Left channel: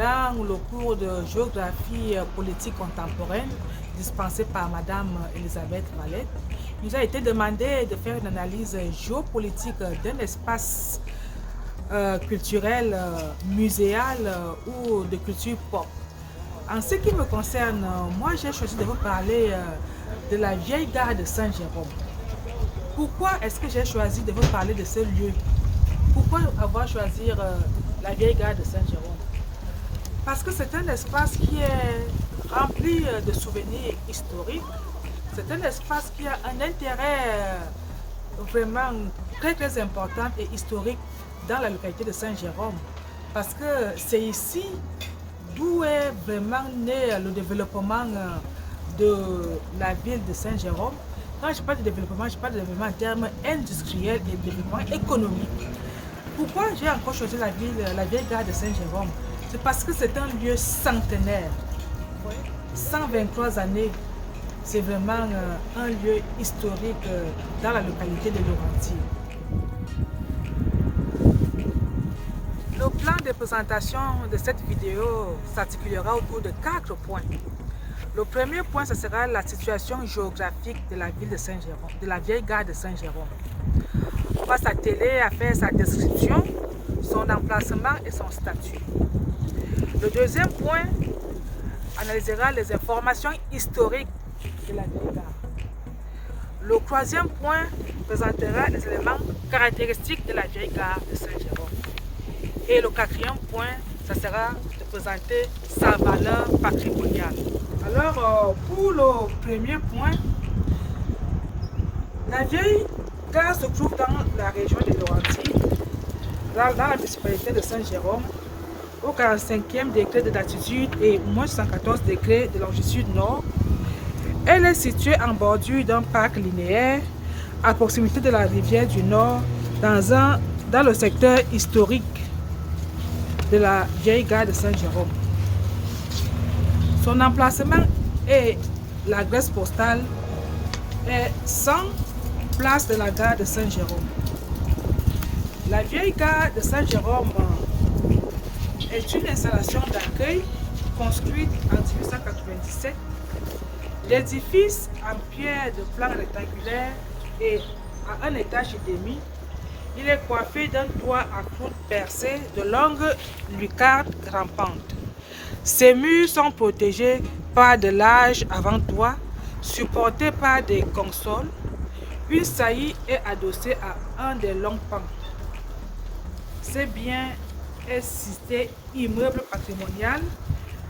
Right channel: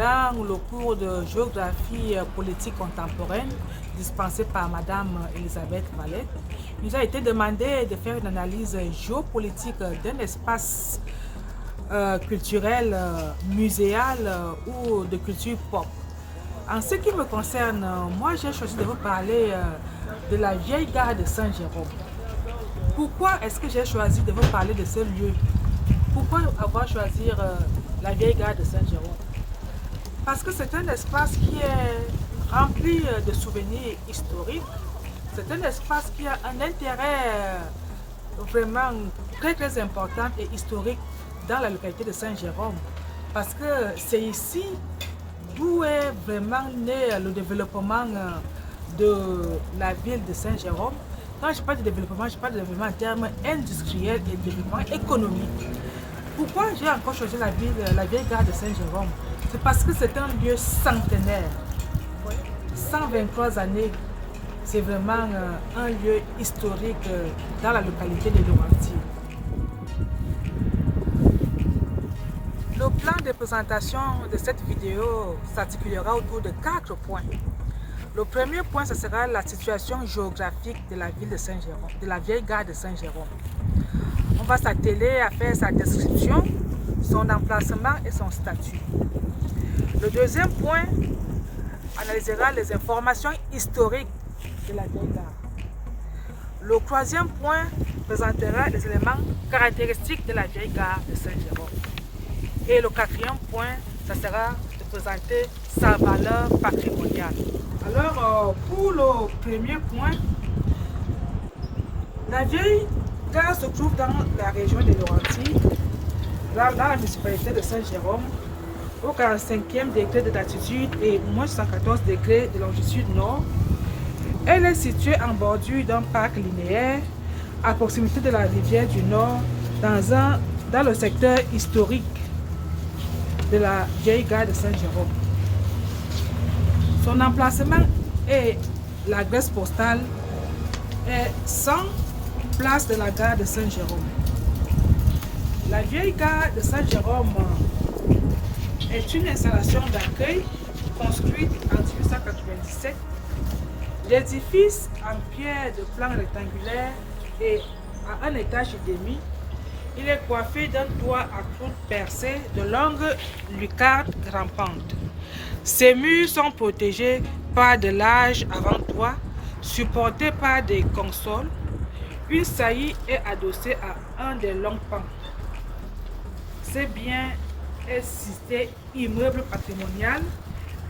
dans le cours de géographie politique contemporaine dispensé par Madame Elisabeth Vallet, il nous a été demandé de faire une analyse géopolitique d'un espace culturel, muséal ou de culture pop. En ce qui me concerne, moi j'ai choisi de vous parler de la vieille gare de Saint-Jérôme. Pourquoi est-ce que j'ai choisi de vous parler de ce lieu? Pourquoi avoir choisi la vieille gare de Saint-Jérôme? Parce que c'est un espace qui est rempli de souvenirs historiques. C'est un espace qui a un intérêt vraiment très important et historique dans la localité de Saint-Jérôme. Parce que c'est ici d'où est vraiment né le développement de la ville de Saint-Jérôme. Quand je parle de développement, je parle de développement en termes industriels et de développement économique. Pourquoi j'ai encore choisi la vieille gare de Saint-Jérôme? C'est parce que c'est un lieu centenaire. 123 années, c'est vraiment un lieu historique dans la localité de Laurentides. Le plan de présentation de cette vidéo s'articulera autour de 4 points. Le premier point, ce sera la situation géographique de la ville de Saint-Jérôme, de la vieille gare de Saint-Jérôme. On va s'atteler à faire sa description, son emplacement et son statut. Le deuxième point analysera les informations historiques de la vieille gare. Le troisième point présentera les éléments caractéristiques de la vieille gare de Saint-Jérôme. Et le quatrième point, ça sera de présenter sa valeur patrimoniale. Alors, pour le premier point, la vieille gare se trouve dans la région de Laurentides, dans la municipalité de Saint-Jérôme, au 45e degré de latitude et moins 114 degrés de longitude nord. Elle est située en bordure d'un parc linéaire à proximité de la rivière du Nord, dans le secteur historique de la vieille gare de Saint-Jérôme. Son emplacement et l'adresse postale est 100 place de la gare de Saint-Jérôme. La vieille gare de Saint-Jérôme est une installation d'accueil construite en 1897. L'édifice en pierre de plan rectangulaire et à un étage et demi. Il est coiffé d'un toit à croûte percée de longues lucarnes rampantes. Ses murs sont protégés par de larges avant-toits supportés par des consoles. Une saillie est adossée à un des longs pans. Ce bien est cité immeuble patrimonial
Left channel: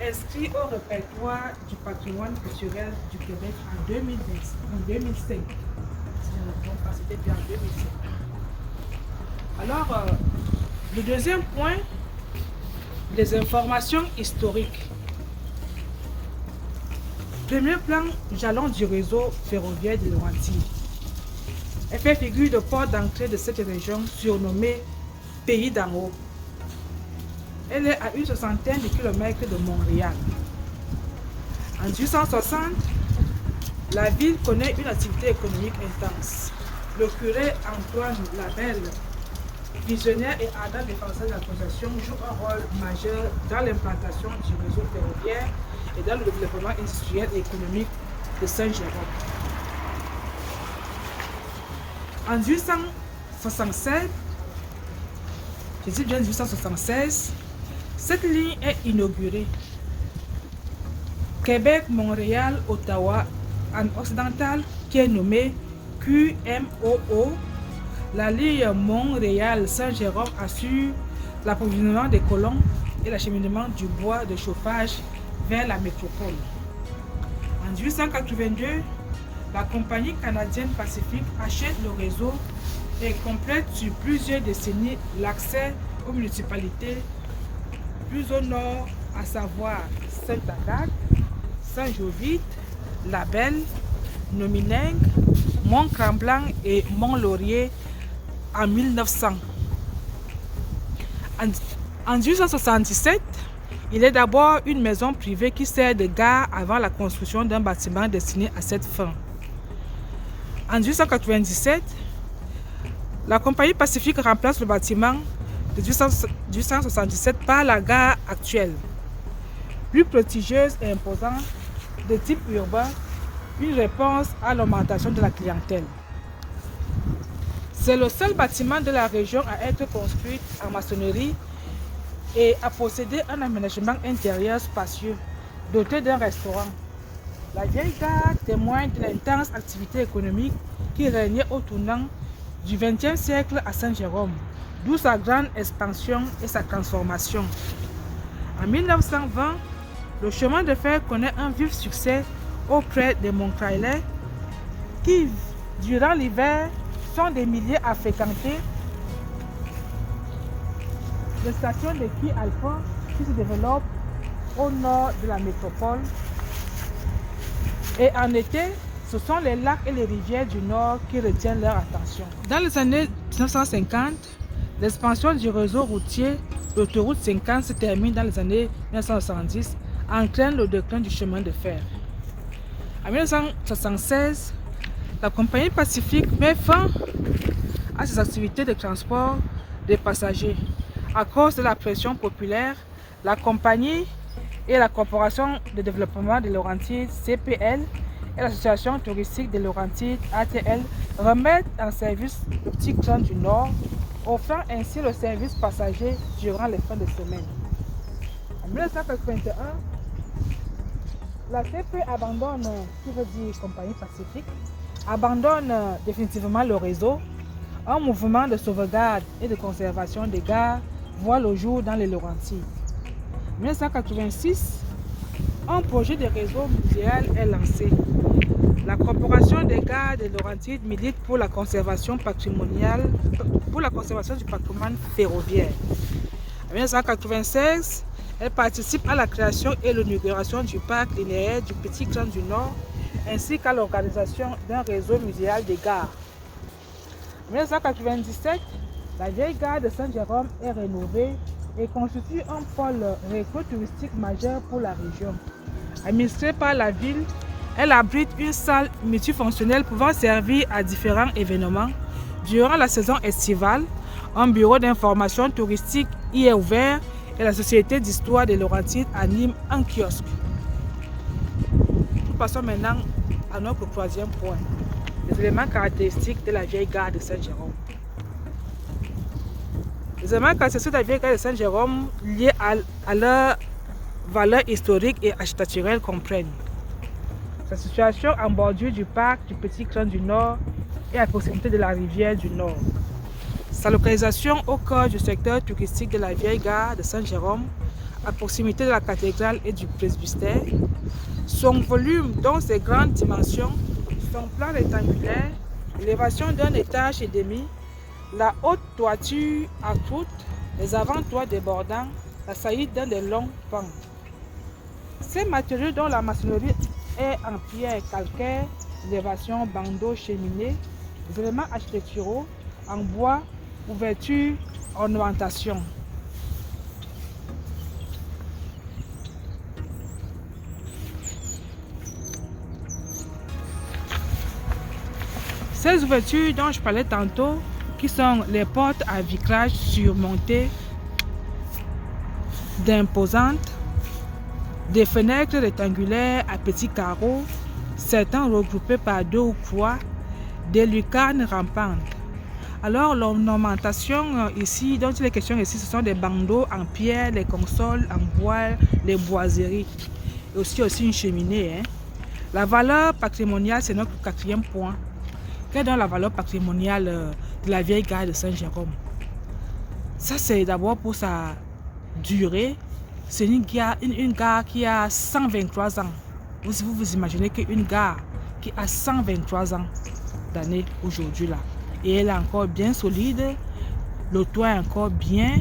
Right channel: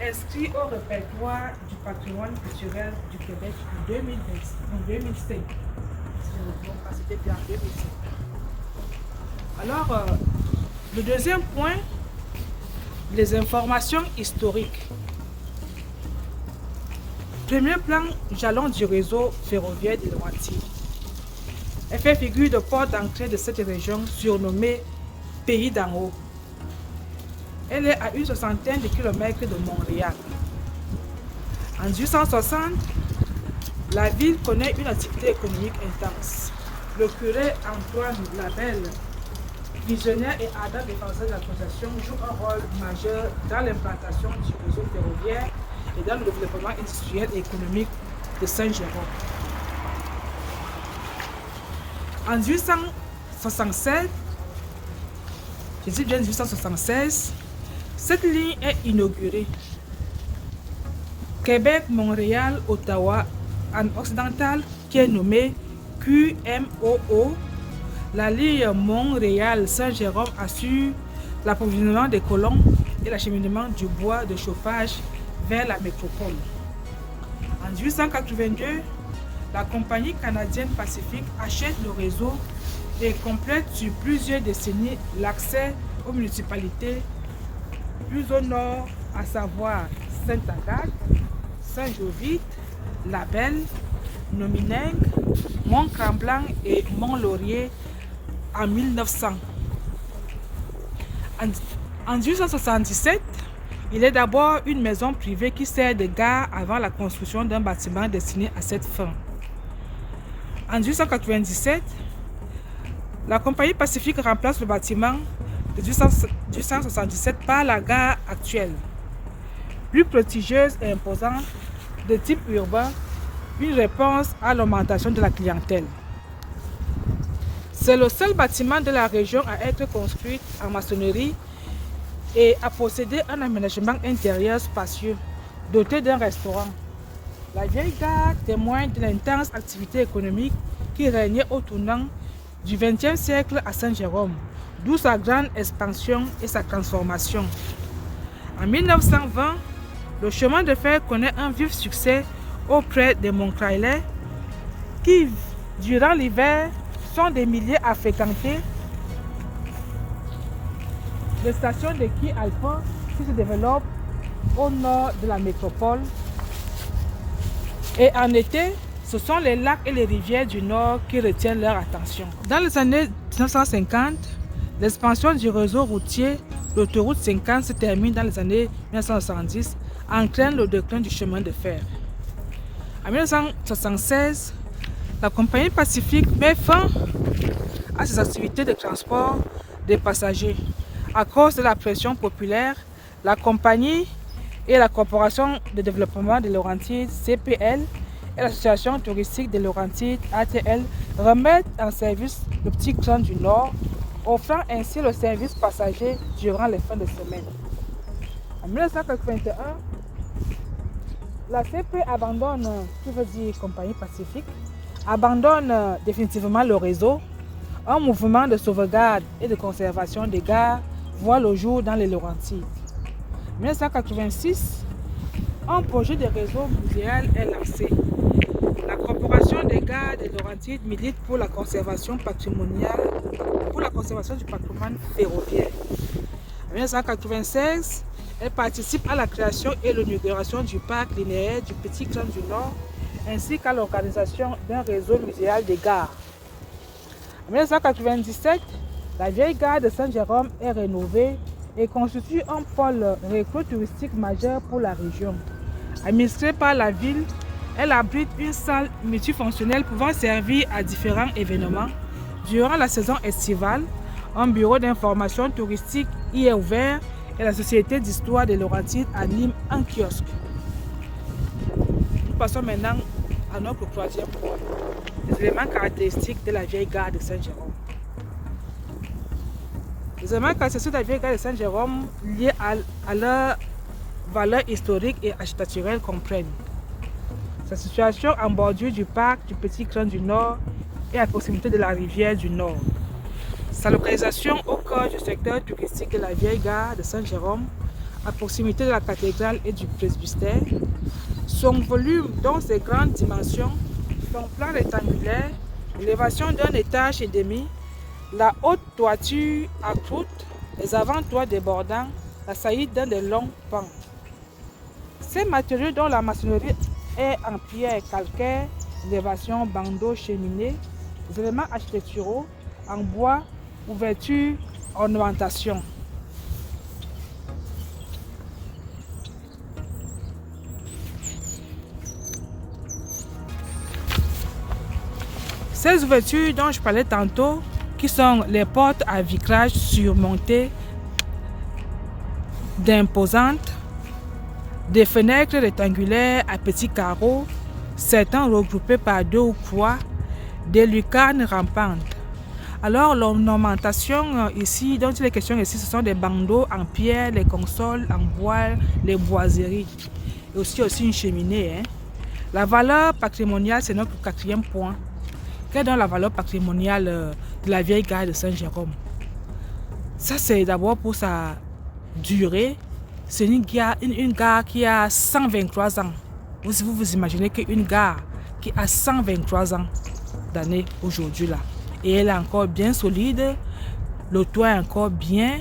inscrit au répertoire du patrimoine culturel du Québec en 2005. C'était bien en 2005. Alors, le deuxième point, les informations historiques. Premier plan, jalon du réseau ferroviaire de Laurentides. Elle fait figure de porte d'entrée de cette région surnommée Pays d'en haut. Elle est à une soixantaine de kilomètres de Montréal. En 1860, la ville connaît une activité économique intense. Le curé Antoine Labelle, visionnaire et ardent défenseur de la concession, joue un rôle majeur dans l'implantation du réseau ferroviaire et dans le développement industriel et économique de Saint-Jérôme. En 1867, je dis bien 1876, cette ligne est inaugurée. Québec, Montréal, Ottawa, en occidental, qui est nommée QMOO. La ligne Montréal-Saint-Jérôme assure l'approvisionnement des colons et l'acheminement du bois de chauffage vers la métropole. En 1882, la compagnie canadienne Pacifique achète le réseau et complète sur plusieurs décennies l'accès aux municipalités plus au nord, à savoir Sainte-Agathe, Saint-Jovite, Labelle, Nomineng, Mont-Tremblant et Mont-Laurier en 1900. En 1877, il est d'abord une maison privée qui sert de gare avant la construction d'un bâtiment destiné à cette fin. En 1897, la compagnie Pacifique remplace le bâtiment de 1877 par la gare actuelle. plus prestigieuse et imposante de type urbain, une réponse à l'augmentation de la clientèle. C'est le seul bâtiment de la région à être construit en maçonnerie et à posséder un aménagement intérieur spacieux, doté d'un restaurant. La vieille gare témoigne de l'intense activité économique qui régnait au tournant du XXe siècle à Saint-Jérôme, d'où sa grande expansion et sa transformation. En 1920, le chemin de fer connaît un vif succès auprès des Montclairais qui, durant l'hiver, sont des milliers à fréquenter les stations de quai alpins qui se développent au nord de la métropole. Et en été, ce sont les lacs et les rivières du nord qui retiennent leur attention. Dans les années 1950, l'expansion du réseau routier, l'autoroute 50 se termine dans les années 1970, entraîne le déclin du chemin de fer. En 1976, la compagnie Pacifique met fin à ses activités de transport des passagers. À cause de la pression populaire, la compagnie et la Corporation de développement des Laurentides CPL et l'Association touristique des Laurentides ATL remettent en service le petit train du Nord, offrant ainsi le service passager durant les fins de semaine. En 1981, la CP abandonne, qui veut dire Compagnie Pacifique, abandonne définitivement le réseau. Un mouvement de sauvegarde et de conservation des gares voit le jour dans les Laurentides. En 1986, un projet de réseau muséal est lancé. La Corporation des gares des Laurentides milite pour la conservation patrimoniale, pour la conservation du patrimoine ferroviaire. En 1996, elle participe à la création et l'inauguration du parc linéaire du Petit Train du Nord, ainsi qu'à l'organisation d'un réseau muséal des gares. En 1997, la vieille gare de Saint-Jérôme est rénovée et constitue un pôle récréatif majeur pour la région. Administrée par la ville, elle abrite une salle multifonctionnelle pouvant servir à différents événements. Durant la saison estivale, un bureau d'information touristique y est ouvert et la Société d'histoire des Laurentides anime un kiosque. Nous passons maintenant à notre troisième point, les éléments caractéristiques de la vieille gare de Saint-Jérôme. Les éléments caractéristiques de la vieille gare de Saint-Jérôme liés à leur valeur historique et architecturelle comprennent sa situation en bordure du parc du Petit Train du Nord et à proximité de la rivière du Nord. Sa localisation au cœur du secteur touristique de la vieille gare de Saint-Jérôme, à proximité de la cathédrale et du presbytère. Son volume, dont ses grandes dimensions, son plan rectangulaire, l'élévation d'un étage et demi, la haute toiture à croûte, les avant-toits débordants, la saillie d'un des longs pans. Ces matériaux dont la maçonnerie est en pierre calcaire, élévation, bandeau, cheminée, les éléments architecturaux en bois, ouverture, ornementation. Ces ouvertures dont je parlais tantôt, qui sont les portes à vitrage surmontées d'imposantes, des fenêtres rectangulaires à petits carreaux, certains regroupés par 2 ou 3, des lucarnes rampantes. Alors l'ornementation ici, dont il est question ici, ce sont des bandeaux en pierre, les consoles en bois, les boiseries, et aussi une cheminée. La valeur patrimoniale, c'est notre quatrième point. Quelle est donc la valeur patrimoniale de la vieille gare de Saint-Jérôme? Ça, c'est d'abord pour sa durée. C'est une gare qui a 123 ans. Vous imaginez qu'une gare qui a 123 ans d'années aujourd'hui là, et elle est encore bien solide, le toit est encore bien,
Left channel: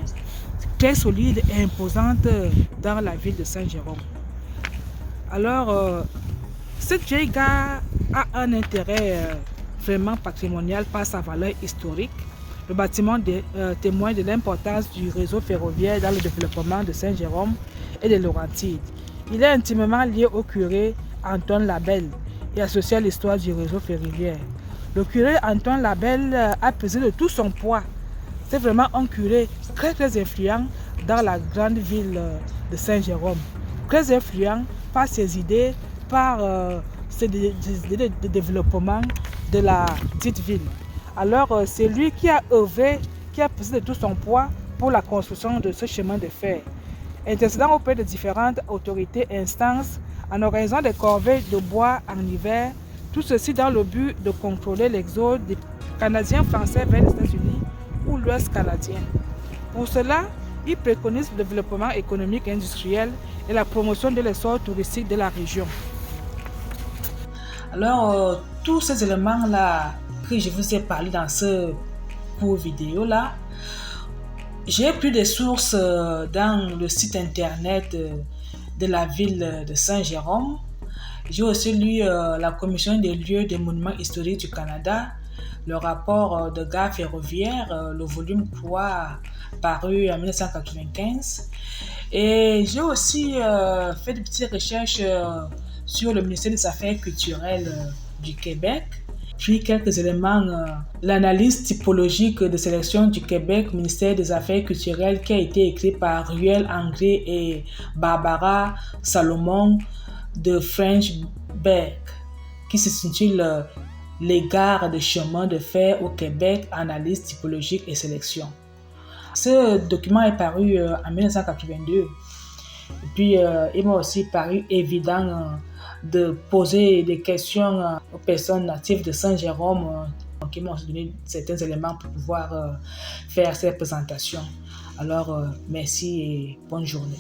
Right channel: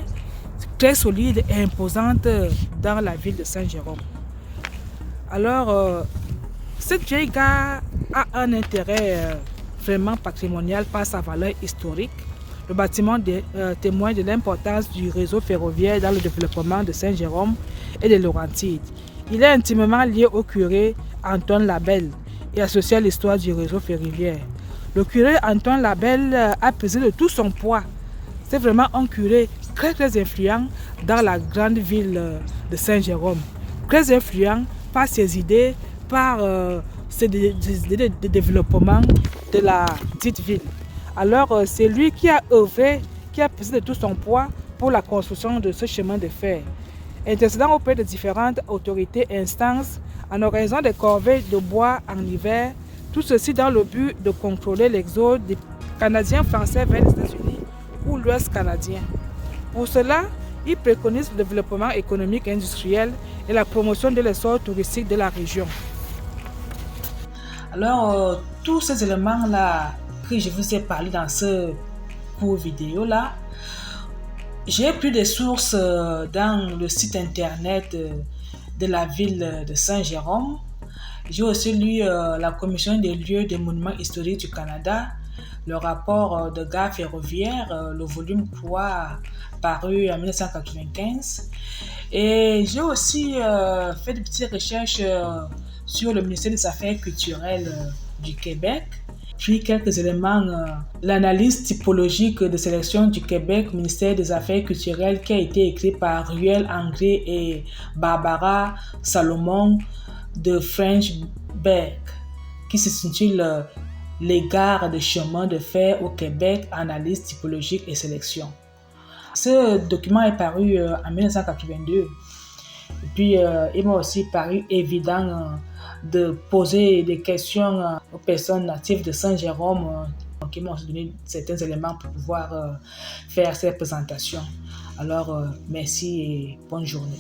très solide et imposante dans la ville de Saint-Jérôme. Alors, cette vieille gare a un intérêt vraiment patrimonial par sa valeur historique. Le bâtiment témoigne de l'importance du réseau ferroviaire dans le développement de Saint-Jérôme et des Laurentides. Il est intimement lié au curé Antoine Labelle et associé à l'histoire du réseau ferroviaire. Le curé Antoine Labelle a pesé de tout son poids. C'est vraiment un curé très influent dans la grande ville de Saint-Jérôme. très influent par ses idées, par ses idées de développement de la dite ville. Alors, c'est lui qui a œuvré, qui a pesé de tout son poids pour la construction de ce chemin de fer, intercédant auprès de différentes autorités et instances en organisant des corvées de bois en hiver, tout ceci dans le but de contrôler l'exode des Canadiens français vers les États-Unis ou l'Ouest canadien. Pour cela, il préconise le développement économique et industriel et la promotion de l'essor touristique de la région. Alors, tous ces éléments-là que je vous ai parlé dans ce court vidéo-là, j'ai pris des sources dans le site internet de la ville de Saint-Jérôme. J'ai aussi lu la Commission des lieux des monuments historiques du Canada, le rapport de gare ferroviaire, le volume 3, paru en 1995. Et j'ai aussi fait de petites recherches sur le ministère des Affaires culturelles du Québec. Puis quelques éléments, l'analyse typologique de sélection du Québec, ministère des Affaires culturelles, qui a été écrit par Ruel Anglais et Barbara Salomon de French Beck, qui s'intitule Les gares de chemin de fer au Québec, analyse typologique et sélection. Ce document est paru en 1982. Et puis, il m'a aussi paru évident de poser des questions aux personnes natives de Saint-Jérôme qui m'ont donné certains éléments pour pouvoir faire cette présentation. Alors, merci et bonne journée.